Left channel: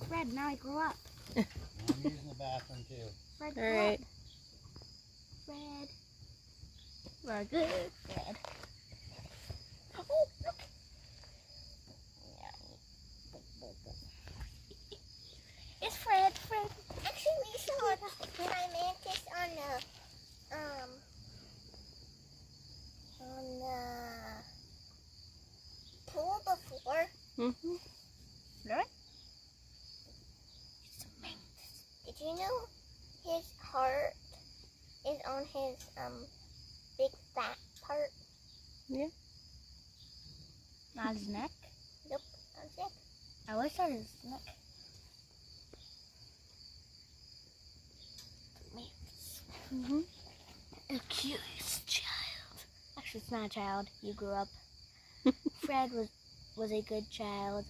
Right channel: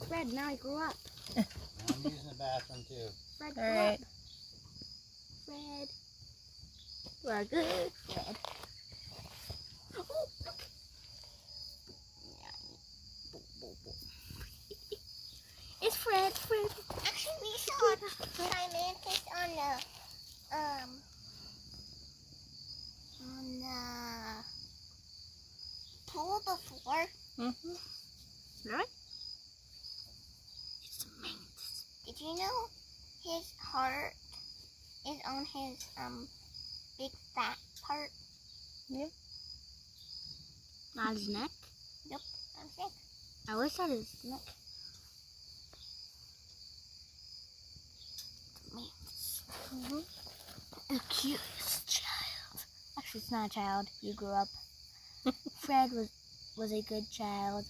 Fred, now he grew up. I'm using the bathroom too. Fred grew Alright. up. Fred. We're good, Fred. Oh. It's Fred. Actually, we saw a mantis on the pool before. Mm-hmm. Right? It's a mantis. Did you know his heart is on his big fat part? Not his neck. Nope, I'm sick. I always thought his neck. Mm-hmm. The cutest child. Actually, it's not a child. You grew up. Fred was a good child.